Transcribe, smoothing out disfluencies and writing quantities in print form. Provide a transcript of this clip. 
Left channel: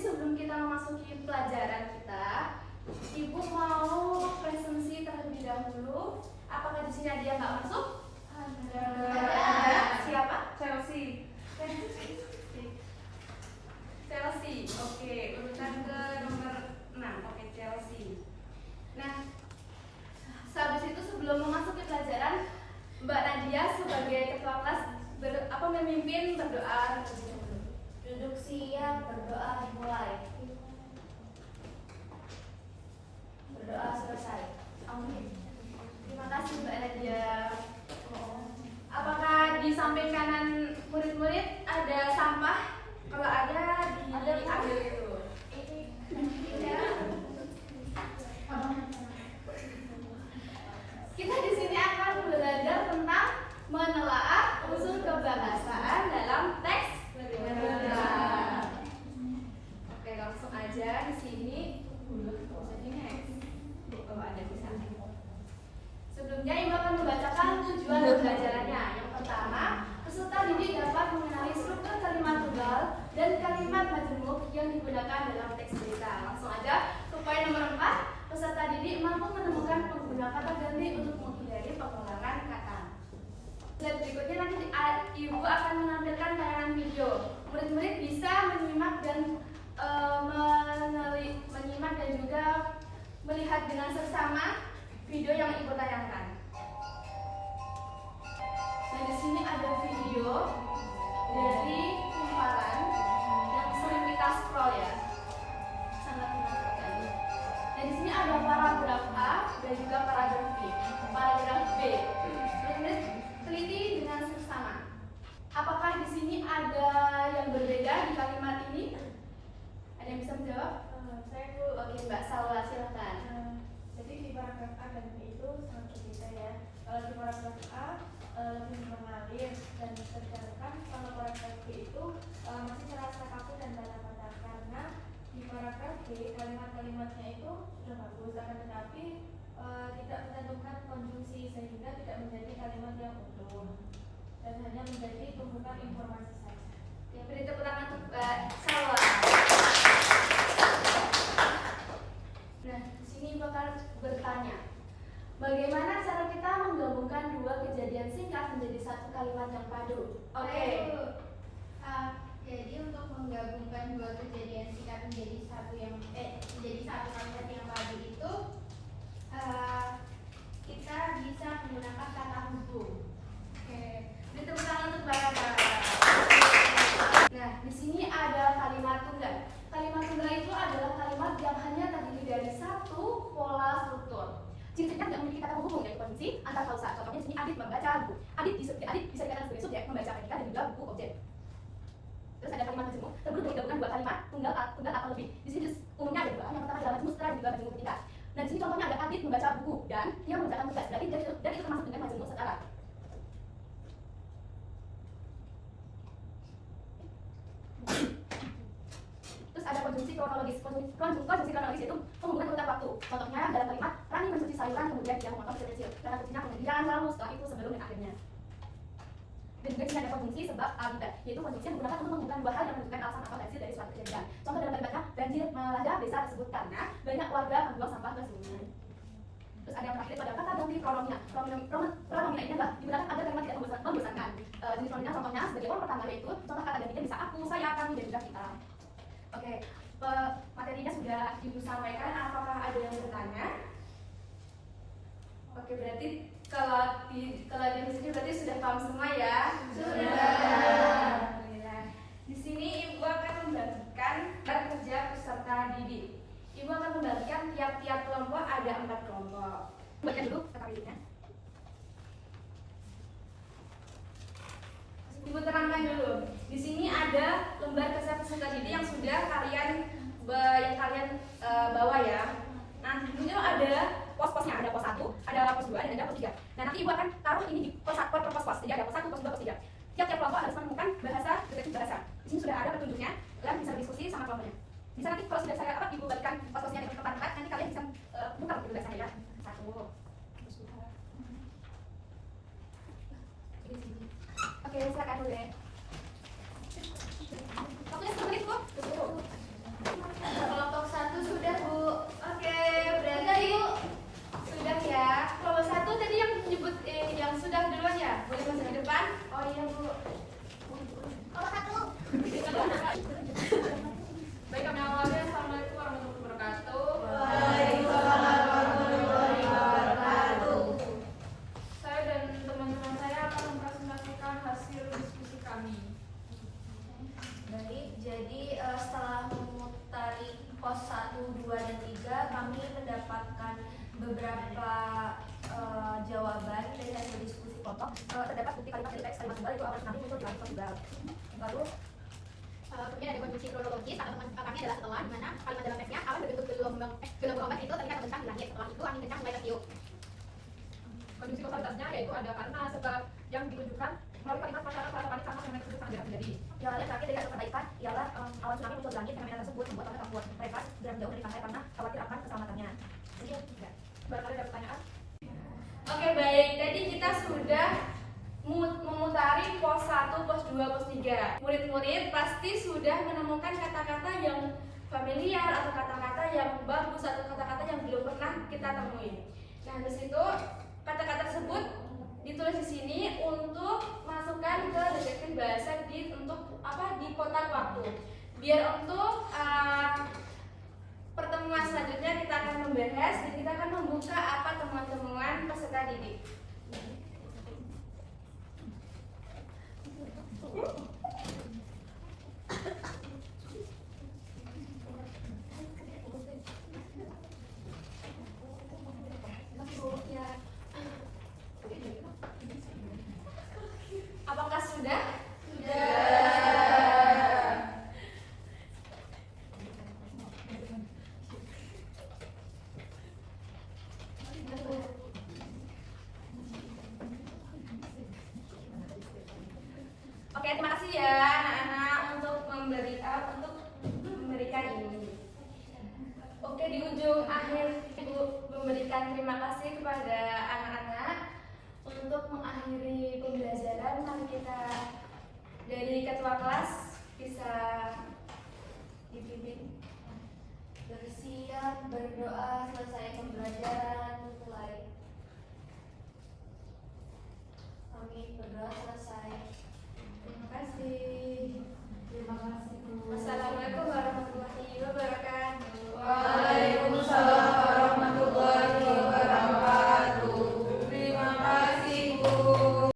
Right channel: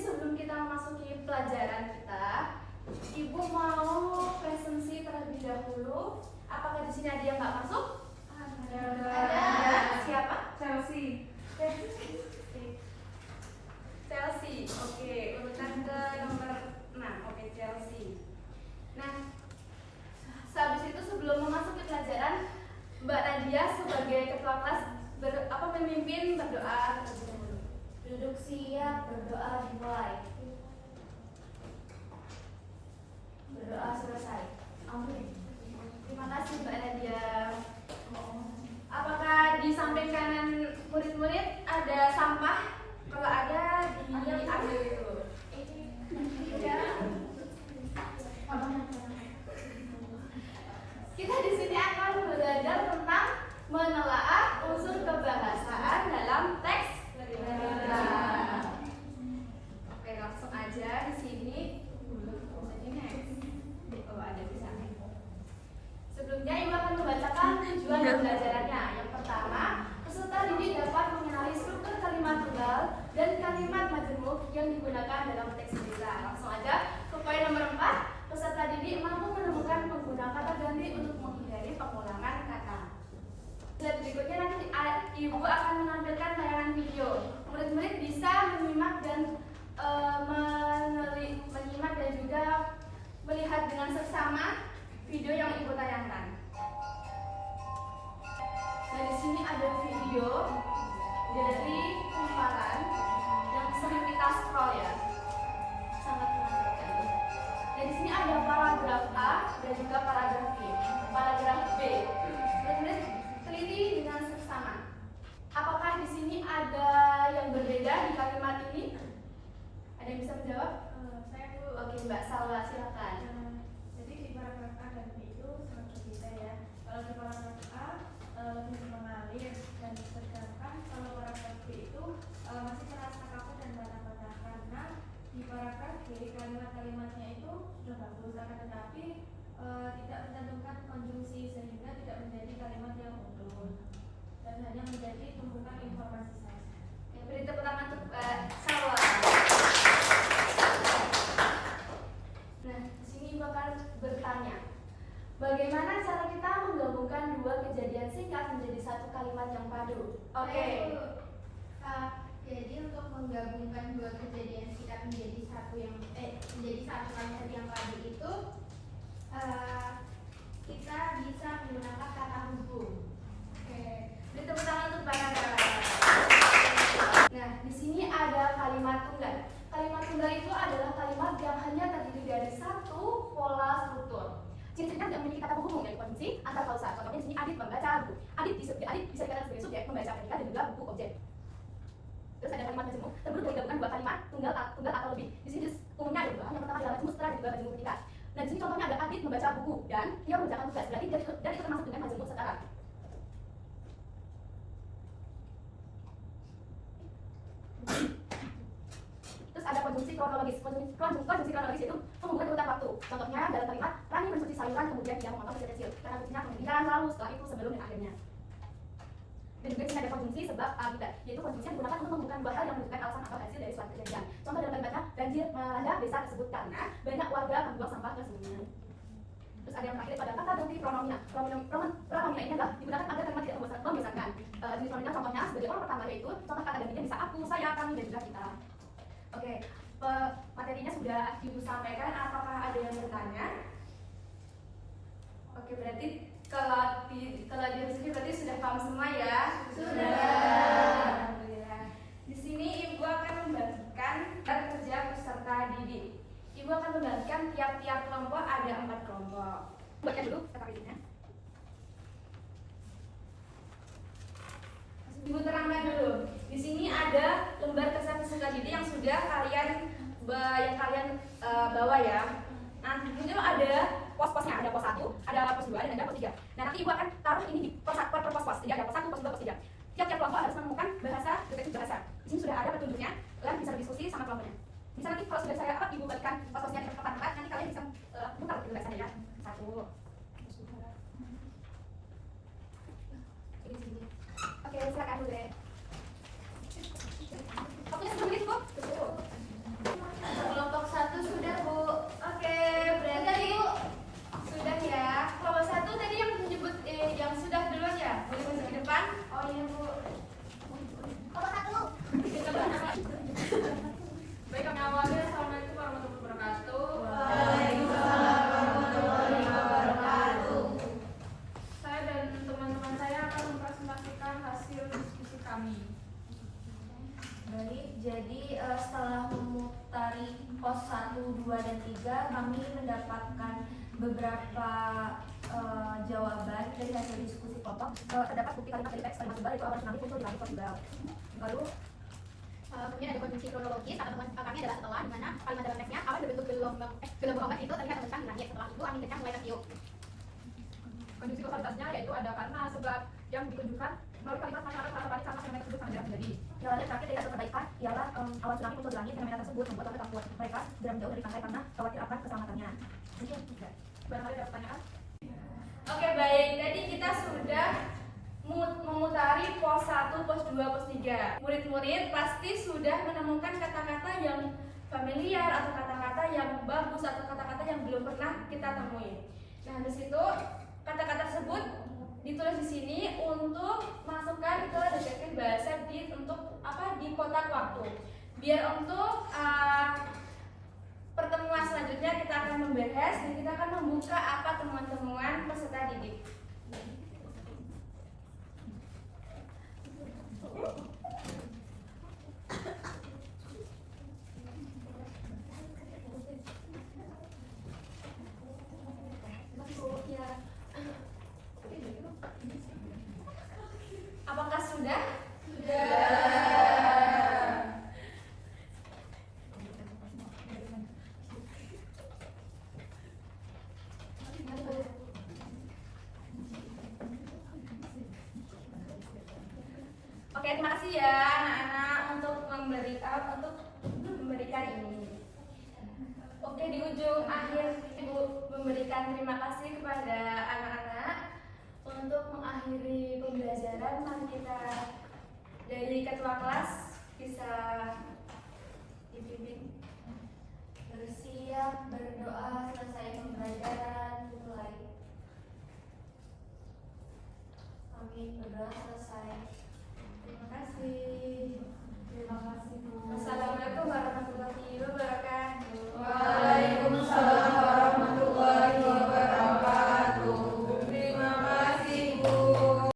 sebelum kita memasuki pelajaran kita, Ibu mau presensi terlebih dahulu. Apakah di sini ada yang nggak masuk? Ada. Siapa? Chelsea. Chelsea. Oke, urutan ke nomor 6. Oke, Chelsea. Nah, sehabis itu sebelum memasuki pelajaran, Mbak Nadia sebagai ketua kelas memimpin berdoa terlebih dahulu. Duduk siap, berdoa dimulai. Berdoa selesai. Amin. Terima kasih Mbak Nadia. Apakah di samping kanan murid-murid ada sampah? Kalau ada diambil itu. Kita di sini akan belajar tentang menelaah unsur kebahasaan dalam teks berita. Oke, langsung aja di sini. Oh, ada di sana. Sebelumnya Ibu akan membacakan tujuan pembelajarannya. Yang pertama, peserta didik dapat mengenali struktur kalimat tunggal dan kalimat majemuk yang digunakan dalam teks berita. Langsung aja ke poin nomor 4, peserta didik mampu menemukan pengguna kata ganti untuk menghindari pengulangan kata. Slide berikutnya nanti Ibu akan menampilkan tayangan video. Murid-murid bisa menyimak dan menyimak dan juga melihat dengan seksama video yang Ibu tayangkan. Nah, di sini ada video dari kumparan yang sering kita scroll ya. Sangat menyenangkan. Dan di sini ada paragraf A dan juga paragraf B. Paragraf B. Murid-murid teliti dengan seksama. Apakah di sini ada yang berbeda di kalimat ini? Ada yang bisa menjawab? Saya Bu. Oke, Mbak Salwa, silakan. Jadi di paragraf A dan B itu sangat berbeda ya. Kalau di paragraf A lebih mengalir, dan sedangkan kalau paragraf B itu masih terasa kaku dan patah-patah, karena di paragraf B kalimat-kalimatnya itu sudah bagus, akan tetapi tidak mencantumkan konjungsi sehingga tidak menjadi kalimat yang utuh dan hanya menjadi tumpukan informasi saja. Ya, beri tepuk tangan untuk Salwa. Nah, di sini Ibu akan bertanya, bagaimana cara kita menggabungkan dua kejadian singkat menjadi satu kalimat yang padu? Oke. Jadi untuk menggabungkan dua kejadian singkat menjadi satu kalimat yang padu itu kita bisa menggunakan kata hubung. Oke. Beri tepuk tangan untuk Mbak Nada. Nah, di sini ada kalimat tunggal. Kalimat tunggal itu adalah kalimat yang hanya terdiri dari satu pola struktur. Ciri-cirinya tidak memiliki kata penghubung dari konjungsi antar klausa. Contohnya di sini Adit membaca buku. Adit bisa dikatakan sebagai subjek membaca predikat dan juga buku objek. Terus ada kalimat majemuk terbentuk dari gabungan dua kalimat tunggal atau lebih. Di sini umumnya ada dua. Yang pertama adalah majemuk setelah dan juga majemuk predikat. Nah, di sini contohnya ada Adit membaca buku dan dia mengerjakan tugas. Berarti dan itu termasuk dengan majemuk setara. Terus ada konjungsi kronologis. Konjungsi kronologis itu menghubungkan urutan waktu. Contohnya dalam kalimat Rani mencuci sayuran kemudian dia memotong kecil-kecil. Karena kuncinya kemudian lalu setelah itu sebelum dan akhirnya. Dan juga di sini ada konjungsi sebab akibat, yaitu konjungsi yang digunakan untuk menghubungkan dua hal yang menunjukkan alasan atau hasil dari suatu kejadian. Contoh dalam kalimatnya banjir melanda desa tersebut karena banyak warga membuang sampah ke sungai. Terus ada yang terakhir pada kata ganti pronomina. Pronomina ini adalah digunakan agar kalimat tidak membosankan. Jenis pronomina contohnya sebagai orang pertama yaitu contoh kata gantinya bisa aku, saya, kami, dan juga kita. Oke, materinya sudah Ibu sampaikan. Apakah ada yang bertanya? Oke, berarti kalau di sini berarti sudah paham semua ya? Sudah. Alhamdulillah. Di sini Ibu akan membagikan kerja peserta didik. Ibu akan membagikan tiap-tiap kelompok ada 4 kelompok. Baca dulu kata didiknya. Ibu terangkan dulu. Di sini ada lembar kerja peserta didik yang sudah kalian bawa ya. Nah, di sini ada pos-posnya, ada pos 1, ada pos 2, dan ada pos 3. Nah, nanti Ibu akan taruh ini di per pos-pos. Jadi ada pos 1, pos 2, pos 3. Tiap-tiap kelompok harus menemukan deskripsi bahasa. Di sini sudah ada petunjuknya, kalian bisa berdiskusi sama kelompoknya. Bisa nanti kalau sudah saya Ibu bagikan pos-posnya di tempat-tempat, nanti kalian bisa buka tulisannya ya. 1. Oke, silakan dulu deh. Waktunya 10 menit, Bu. pos 1, 2, dan 3 kami mendapatkan beberapa jawaban dari hasil diskusi kelompok. Terdapat bukti kalimat dari teks kalimat tunggal itu akan kami muncul di kalimat tunggal. Lalu kemudian ada konjungsi kronologis. Kata teman kami adalah setelah, di mana kalimat dalam teksnya awan berbentuk gelombang ombak itu terlihat membentang di langit. Setelah itu angin kencang mulai tertiup. Konjungsi kausalitasnya yaitu ada karena sebab yang ditunjukkan melalui kalimat masyarakat merasa panik karena fenomena tersebut sangat jelas terjadi. Jalan terakhir dari hasil perbaikan ialah awan tsunami muncul di langit. Fenomena tersebut membuat warga takut. Mereka segera menjauh dari pantai karena khawatir akan keselamatannya. Mungkin tidak. Barangkali ada pertanyaan? Oke, baik. Tadi kita sudah memutari pos 1, pos 2, pos 3. Murid-murid pasti sudah menemukan kata-kata yang familiar atau kata-kata yang bagus atau kata-kata yang belum pernah kita temui. Nah, di situ kata-kata tersebut ditulis di sini untuk masukkan ke detektif bahasa di kotak waktu. Biar untuk pertemuan selanjutnya kita akan membahas dan kita akan membuka apa temuan-temuan peserta didik. Apakah sudah? Oke, terima kasih ya anak-anak untuk memberikan ini. Oke, di ujung akhir Ibu memberikan terima kasih kepada anak-anak untuk mengakhiri pembelajaran. Mari kita dari ketua kelas bisa dipimpin. Bersiap, berdoa, selesai pembelajaran, mulai. Amin, berdoa selesai.